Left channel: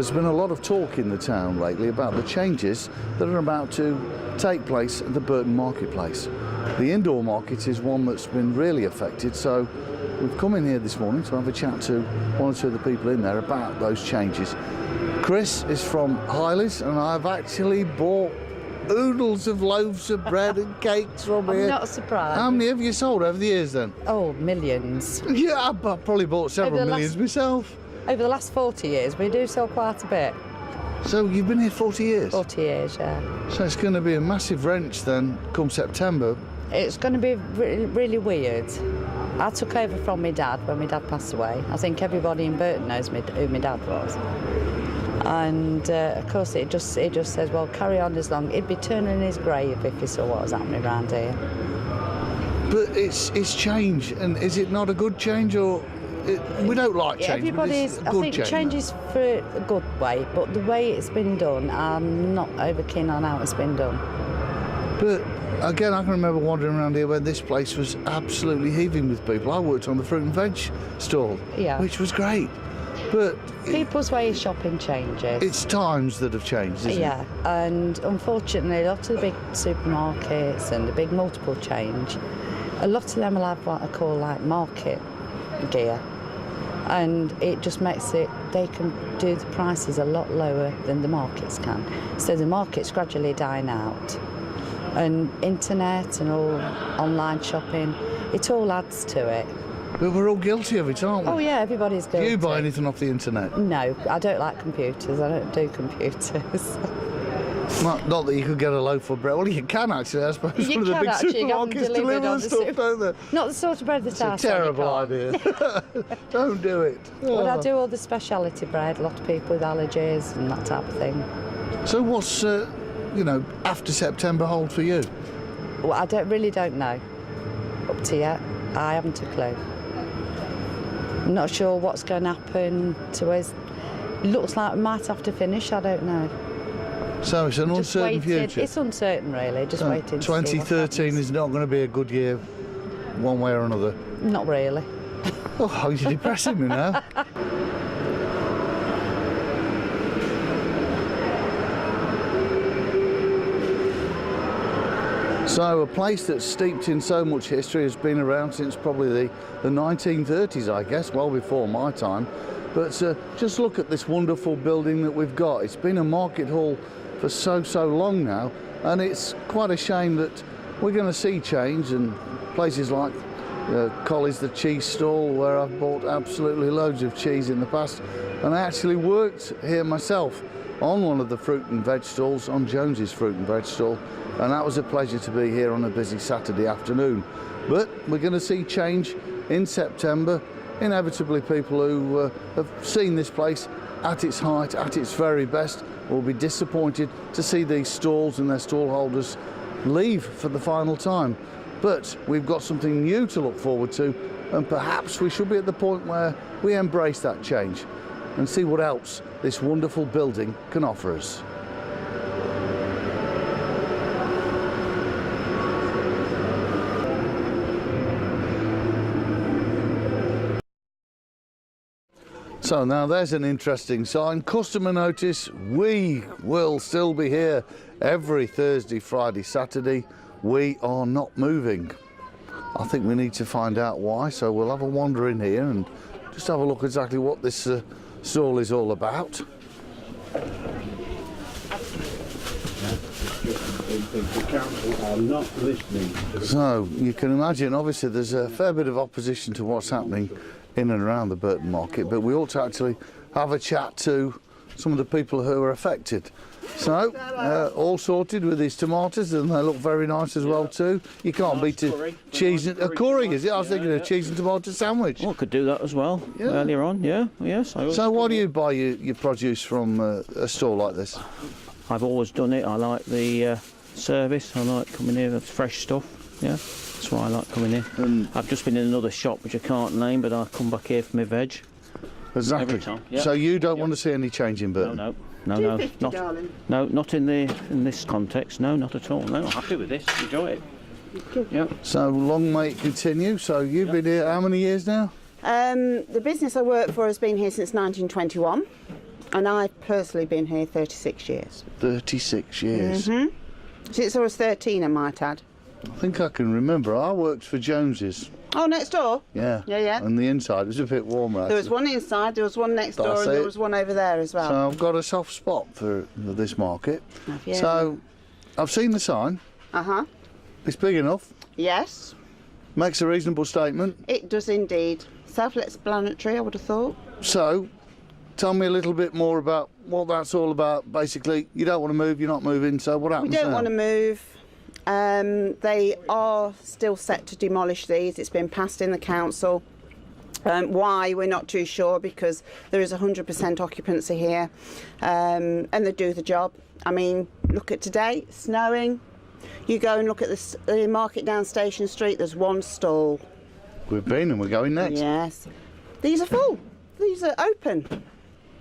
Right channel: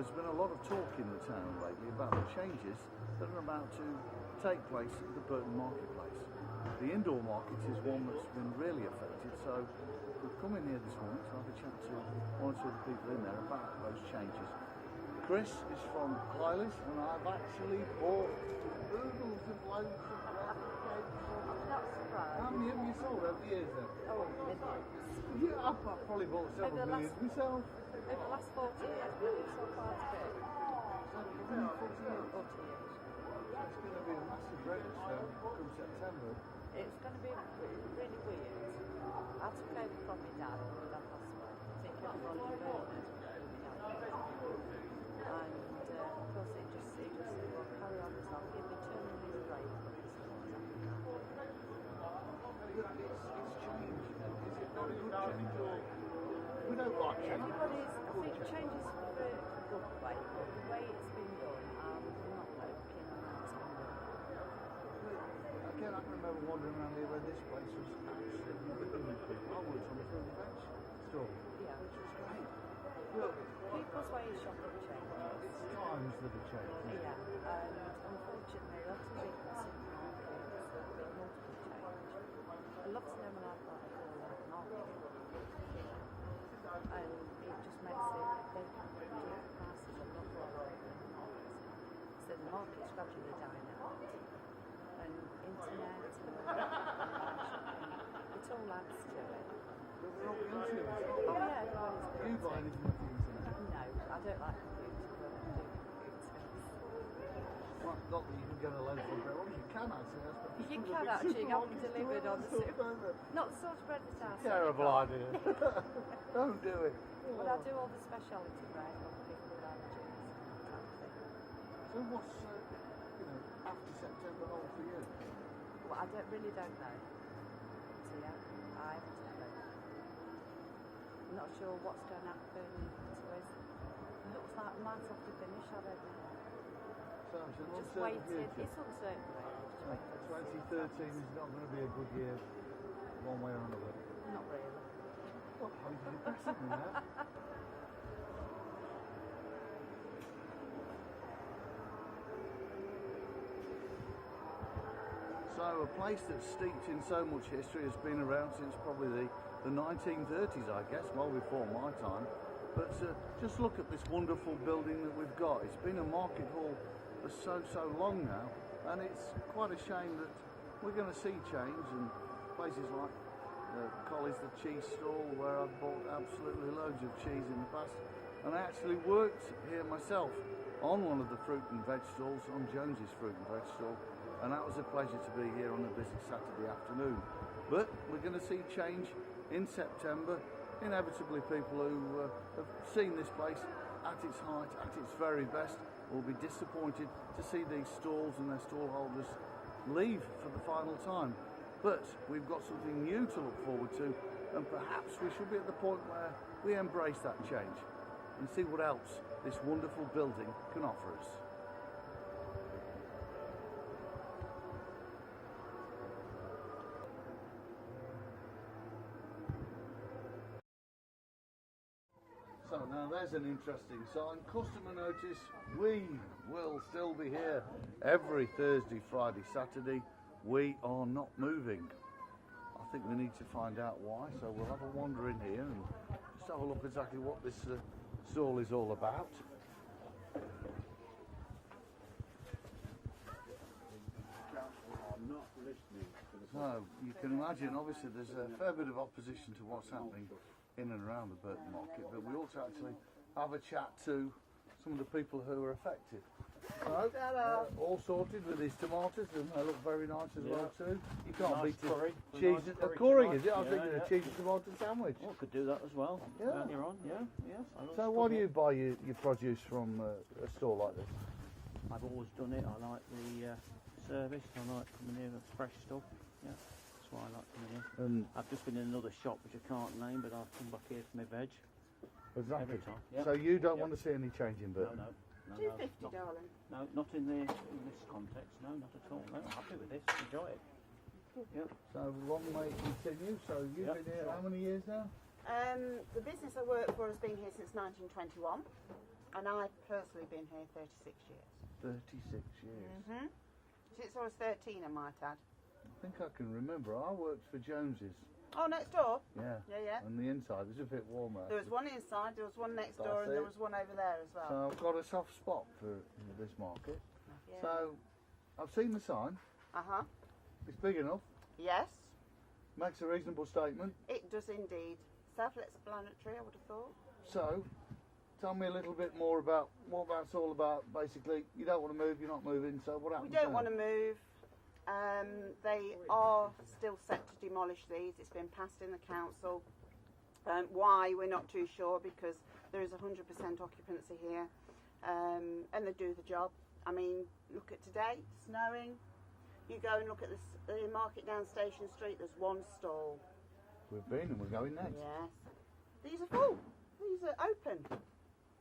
There's been a lot of talk in the town lately about the changes that are about to take place at the Burton Marketplace. The indoor market is one that's been really affected, so we've come in here this morning to have a chat to one or two of the people in there about those changes. Chris is from Hyley's, and I've actually bought oodles of loaves of bread and cakes from here. I'm not surprised. How many have you sold over the years then? Oh, millions. Yeah, I've probably bought several millions myself. Over the last 40 years, we do sell quite a bit. So you've been here 40 years? 40 years, yeah. So it's going to be a massive wrench then, come September. It's going to be really weird. I took over from my dad when my dad passed away. I think everybody in Burton knows who my dad was. And of course it just says, well, carry on as long. He'd be turning in his grave if he saw what was happening around here. But it's change, and is it not a good change, or we don't like change? I think change is for a good way, but the way it's been done, I'm not over keen on how it's been done. But again, I can remember wandering around here when this place was absolutely heaving with people. I worked on the fruit and veg stall, which was great. But people's way of shopping changes. It's times that have changed, isn't it? Yeah, and unfortunately, a lot of the big supermarkets and the big multiple change, a lot of them will have what I call like market gear, and it just makes it, they can do the prices a lot lower than the markets can. So the market's gradually dying out, and internet and all online shopping, it all adds to it. But we're all guilty of it, aren't we? Oh yeah, everybody's guilty. Do you buy anything off the internet? No, I don't like computers. I don't do computers. Not that you could get a loaf of bread. Well, you can actually, I suppose. You one of the can big actually supermarkets deliver the stuff, don't they? Not the sort of bread that I It's a terrible idea. Don't do it. But I do all the speciality bread. A lot of people with allergies and that type of thing. So what's, after September hold for you? Well, I really don't know. Up to yet, I haven't a clue. I'm not sure what's going to happen to us. Looks like we might have to finish, I don't know. So it's an uncertain future? It's uncertain, really, just waiting to see what 2013 is not going to be a good year, one way or another? Not really. Oh, you're depressing me now. So a place that's steeped in so much history has been around since probably the 1930s, I guess, well before my time. But just look at this wonderful building that we've got. It's been a market hall for so long now, and it's quite a shame that we're going to see change, and places like Colley's, the cheese stall, where I've bought absolutely loads of cheese in the past, and I actually worked here myself on one of the fruit and veg stalls, on Jones's fruit and veg stall, and that was a pleasure to be here on a busy Saturday afternoon. But we're going to see change in September. Inevitably, people who have seen this place at its height, at its very best, will be disappointed to see these stalls and their stallholders leave for the final time. But we've got something new to look forward to, and perhaps we should be at the point where we embrace that change and see what else this wonderful building can offer us. So now there's an interesting sign. Customer notice, we will still be here every Thursday, Friday, Saturday. We are not moving. I think we need to find out why, so we'll have a wander in here and just have a look exactly what this stall is all about. The council are not listening. So you can imagine, obviously there's a fair bit of opposition to what's happening in and around the Burton Market, but we ought to actually have a chat to some of the people who are affected. So, all sorted with these tomatoes, and they look very nice as well too. You can't beat a cheese and a curry, is it? I was thinking a cheese and tomato sandwich. Well, I could do that as well earlier on, yes. So why do you buy your produce from a store like this? I've always done it. I like the service. I like coming here with fresh stuff, yeah. That's why I like coming in. And I've just been in another shop which I can't name, but I come back here for my veg. Exactly. Every time. Yep. So you don't want to see any change in Burton? No, not in this context. No, not at all. No, I'm happy with this. Enjoy it. Yep. So long may it continue. So you've been here how many years now? The business I work for has been here since 1921. And I've personally been here 36 years. 36 years. Since I was 13, I might add. I think I can remember. I worked for Jones's. Oh, next door? Yeah. Yeah, yeah. And the inside was a bit warmer. There was one inside, there was one next door, That's and there it. was one over there as well. So I've got a soft spot for this market. Have you? So I've seen the sign. Uh-huh. It's big enough. Yes, Makes a reasonable statement. it does indeed. Self-explanatory, I would have thought. So tell me a little bit more about what that's all about. Basically, you don't want to move, you're not moving, so what We happens don't now? want to move. They are still set to demolish these. It's been passed in the council. Why, we're not too sure, because there is 100% occupancy here, and they do the job. I mean, look at today, snowing. You go and look at the market down Station Street, there's one stall. We've been and we're going next. Yes. These are full. These are open.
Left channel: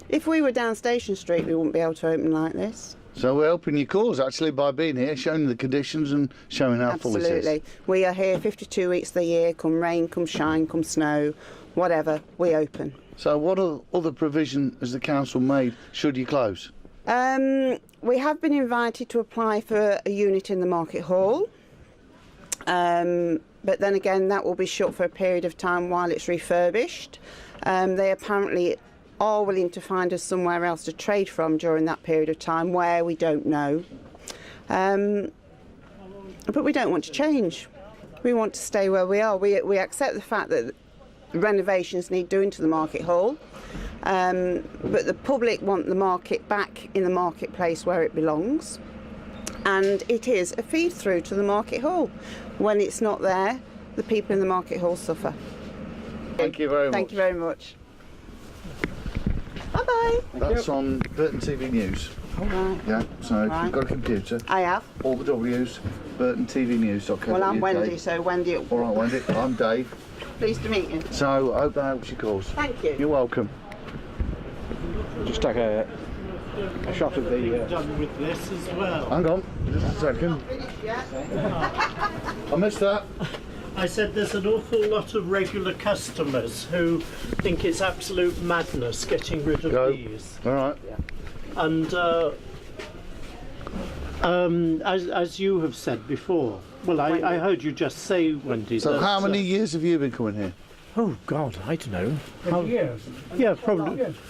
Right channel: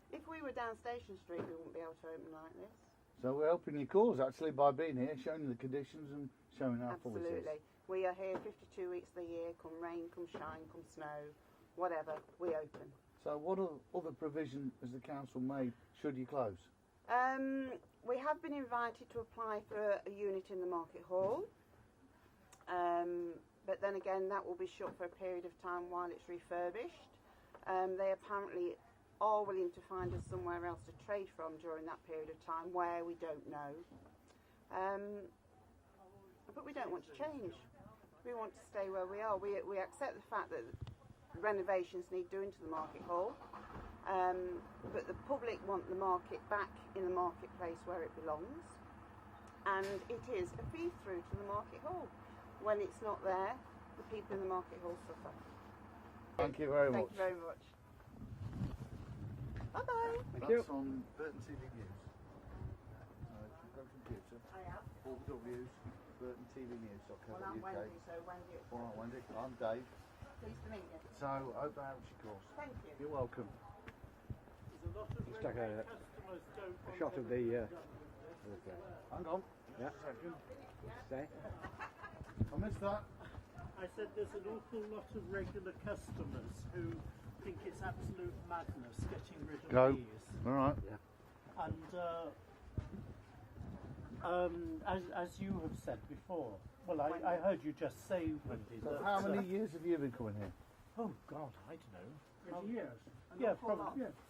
If we were down Station Street, we wouldn't be able to open like this. So we're helping your cause actually by being here, showing the conditions and showing how full this is. Absolutely. We are here 52 weeks of the year, come rain, come shine, come snow, whatever, we open. So what other provision has the council made should you close? We have been invited to apply for a unit in the Market Hall, but then again that will be shut for a period of time while it's refurbished. They apparently are willing to find us somewhere else to trade from during that period of time, where we don't know. But we don't want to change. We want to stay where we are. We accept the fact that renovations need doing to the Market Hall, but the public want the market back in the marketplace where it belongs, and it is a feed through to the Market Hall. When it's not there, the people in the Market Hall suffer. Thank you very much. Thank you very much. Bye-bye. That's on Burton TV News. All right. Yeah, so if Right. you've got a computer, I have. all the W's, burtontvnews.co.uk. Well, I'm Wendy, so Wendy, All right, Wendy, I'm Dave. pleased to meet you. So I hope that helps your cause. Thank you. You're welcome. Just take a shot of the... Done with this as well. Hang on, just a second. I missed that. I said there's an awful lot of regular customers who think it's absolute madness getting rid of Go. these. All right. And as you have said before, well, I heard you just say, Wendy. So that, how many years have you been coming here? Oh God, I don't know. Yeah,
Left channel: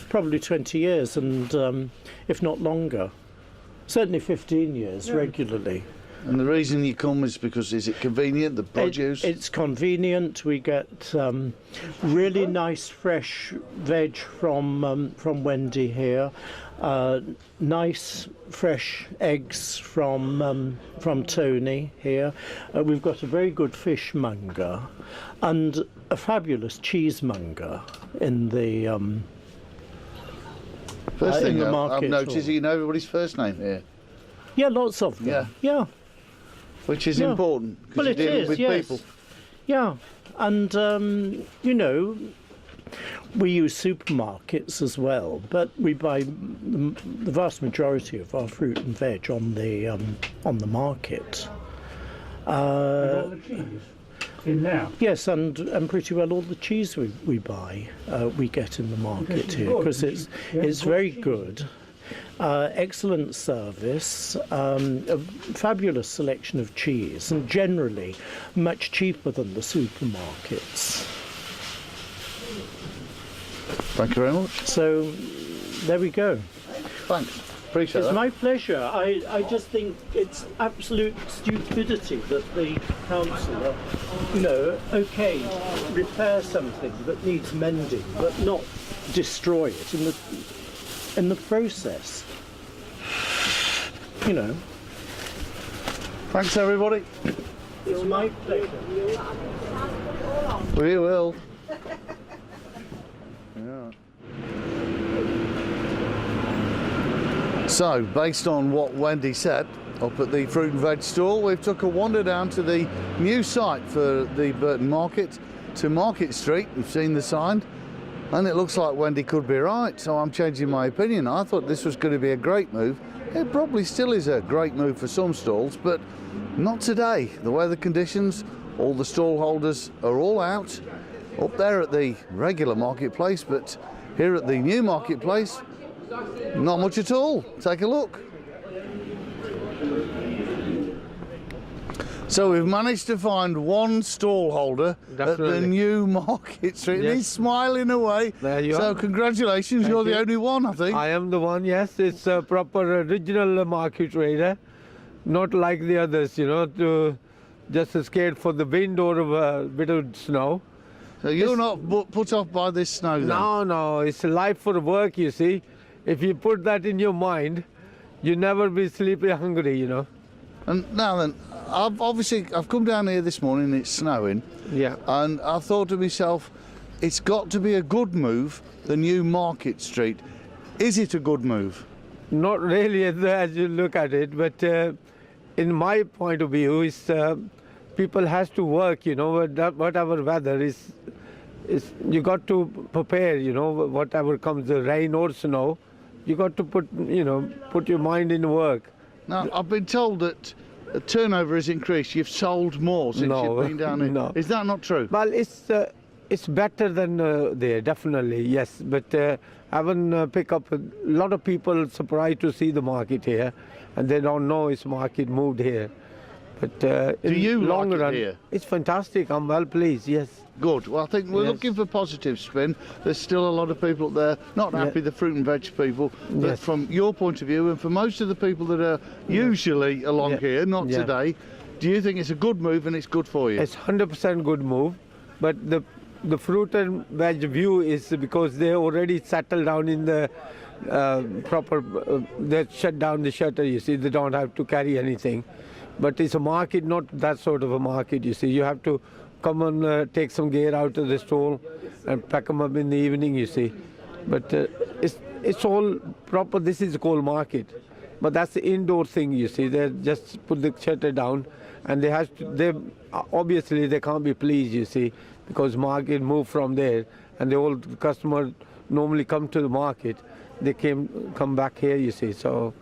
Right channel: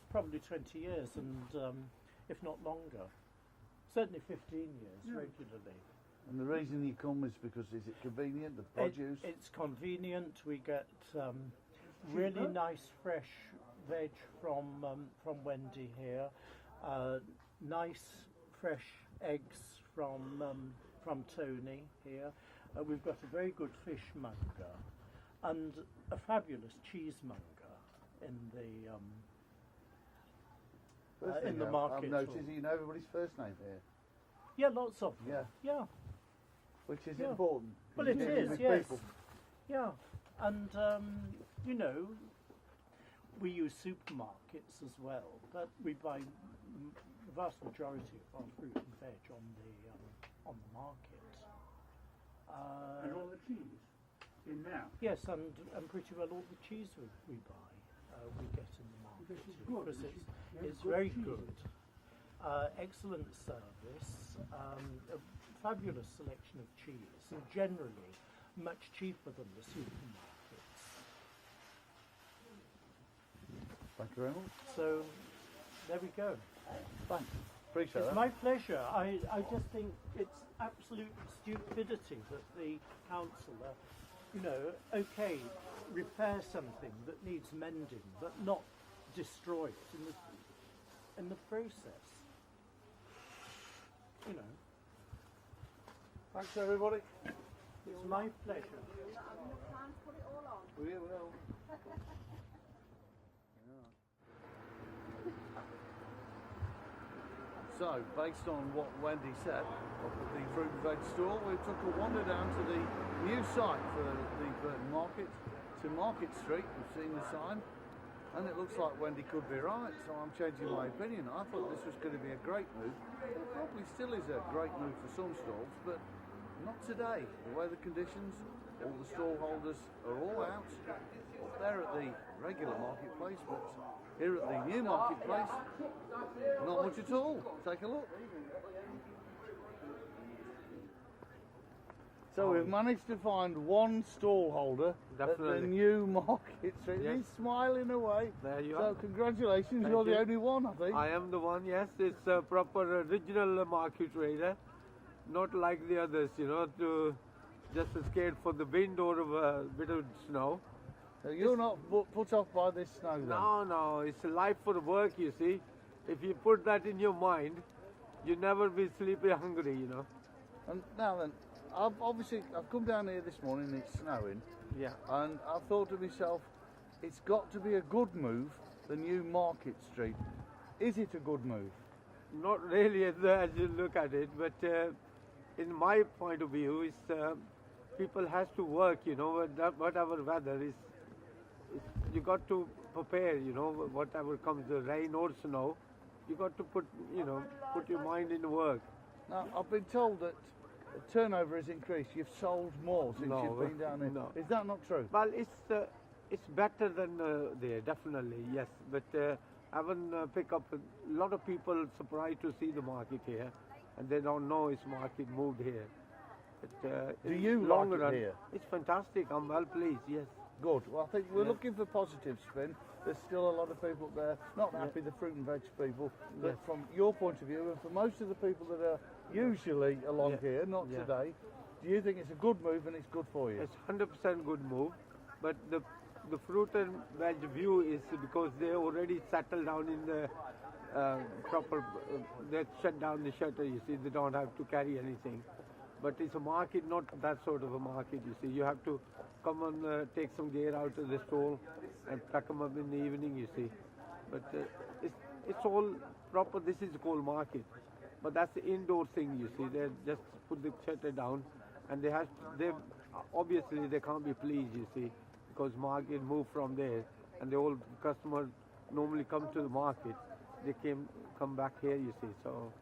probably 20 years, and if not longer, certainly 15 years regularly. And the reason you come is because, is it convenient, the produce? It's convenient. We get really nice fresh veg from Wendy here. Nice fresh eggs from Tony here. We've got a very good fishmonger and a fabulous cheesemonger in the First in thing the I've market noticed is hall. you know everybody's first name here, yeah, lots of them. Yeah. which is Yeah. important Well, because it you're dealing is, with yes. people. Yeah, and you know, we use supermarkets as well, but we buy the vast majority of our fruit and veg on the market. all the cheese in now. Yes, and pretty well all the cheese we buy we get in the market here, because it's very good. Excellent service, a fabulous selection of cheese, and generally much cheaper than the supermarkets. Thank you very much. So there we go. Thanks. Appreciate It's that. my pleasure. I just think it's absolute stupidity that the council, okay, repair something that needs mending, but not destroy it in the process. You know, Thanks, everybody. it's my pleasure. We will. So, based on what Wendy said up at the fruit and veg stall, we've took a wander down to the new site for the Burton Market to Market Street. We've seen the sign, and it looks like Wendy could be right, so I'm changing my opinion. I thought this was going to be a great move. It probably still is a great move for some stalls, but not today. The weather conditions, all the stall holders are all out up there at the regular marketplace, but here at the new marketplace, Not much at all. Take a look. So we've managed to find one stallholder at the Definitely. new Market Street. And Yes. he's smiling away. There you so are. congratulations, Thank you're the you. only one, I think. I am the one, yes. It's a proper original market trader, not like the others, to just scared for the wind or a bit of snow. So you're not put off by this snow then? No, it's life for work, you see. If you put that in your mind, you never be sleepy hungry. And now then, I've come down here this morning, it's snowing, Yeah. and I thought to myself, it's got to be a good move, the new Market Street. Is it a good move? Not really as you look at it, but in my point of view, is people has to work. Whatever weather is you got to prepare. Whatever comes, the rain or snow, you got to put your mind in work. Now, I've been told that the turnover has increased. You've sold more since No, you've been down here. no. Is that not true? Well, it's better than there, definitely, yes. But I haven't pick up a lot of people surprised to see the market here, and they don't know it's market moved here. But in you like long it run, here? it's fantastic. I'm well pleased. Yes. Good. Well, I think we're Yes. looking for positive spin. There's still a lot of people up there not happy, the fruit and veg people. But Yes. from your point of view, and for most of the people that are usually along Yeah. here, not Yeah. today, do you think it's a good move and it's good for you? It's 100% good move, but the fruit and veg view is because they already settled down in the proper. They shut down the shutter. You see, they don't have to carry anything. But it's a market, not that sort of a market. You see, you have to come and take some gear out of the stall and pack them up in the evening. You see, but it's all proper. This is called market, but that's the indoor thing. You see, they just put the shutter down, and they obviously they can't be pleased. You see, because market moved from there, and the old customer normally come to the market. They come back here. You see, so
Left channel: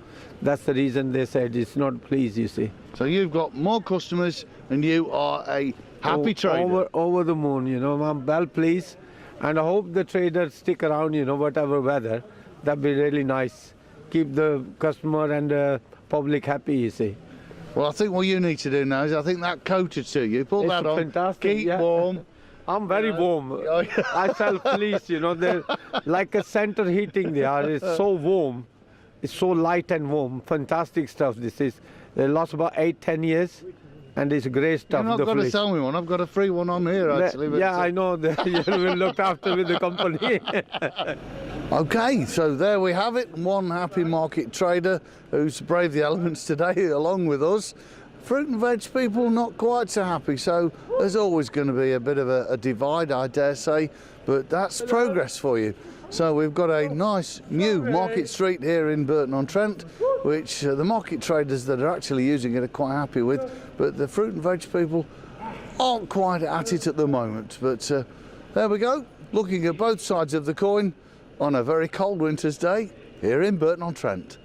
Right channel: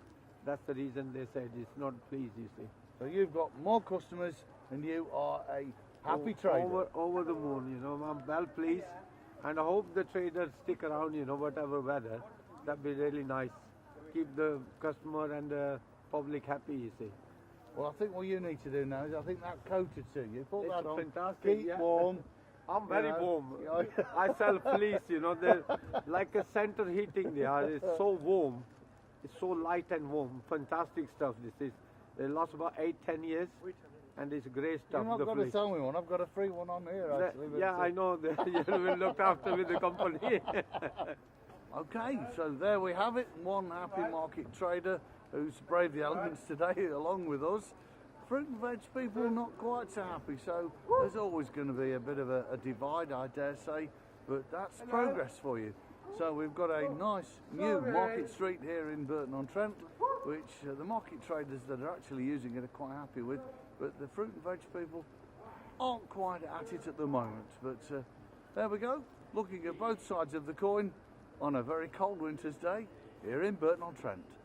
that's the reason they said it's not pleased. You see. So you've got more customers and you are a happy trader. Over the moon, I'm well pleased, and I hope the traders stick around, whatever weather. That'd be really nice. Keep the customer and the public happy, you see. Well, I think what you need to do now is I think that coated to you. Put It's that on. fantastic, Keep yeah. warm. I'm very warm. I self-please, they're like a center heating they are. It's so warm. It's so light and warm. Fantastic stuff this is. They lost about 8-10 years, and it's great stuff. You've not the got to fleece. sell me one. I've got a free one on here, actually. but, Yeah, I know. You will look after with the company. Okay, so there we have it. One happy market trader who's braved the elements today along with us. Fruit and veg people not quite so happy, so there's always going to be a bit of a divide, I dare say, but that's progress for you. So we've got a nice new Market Street here in Burton-on-Trent, which the market traders that are actually using it are quite happy with, but the fruit and veg people aren't quite at it at the moment. But there we go, looking at both sides of the coin on a very cold winter's day here in Burton-on-Trent.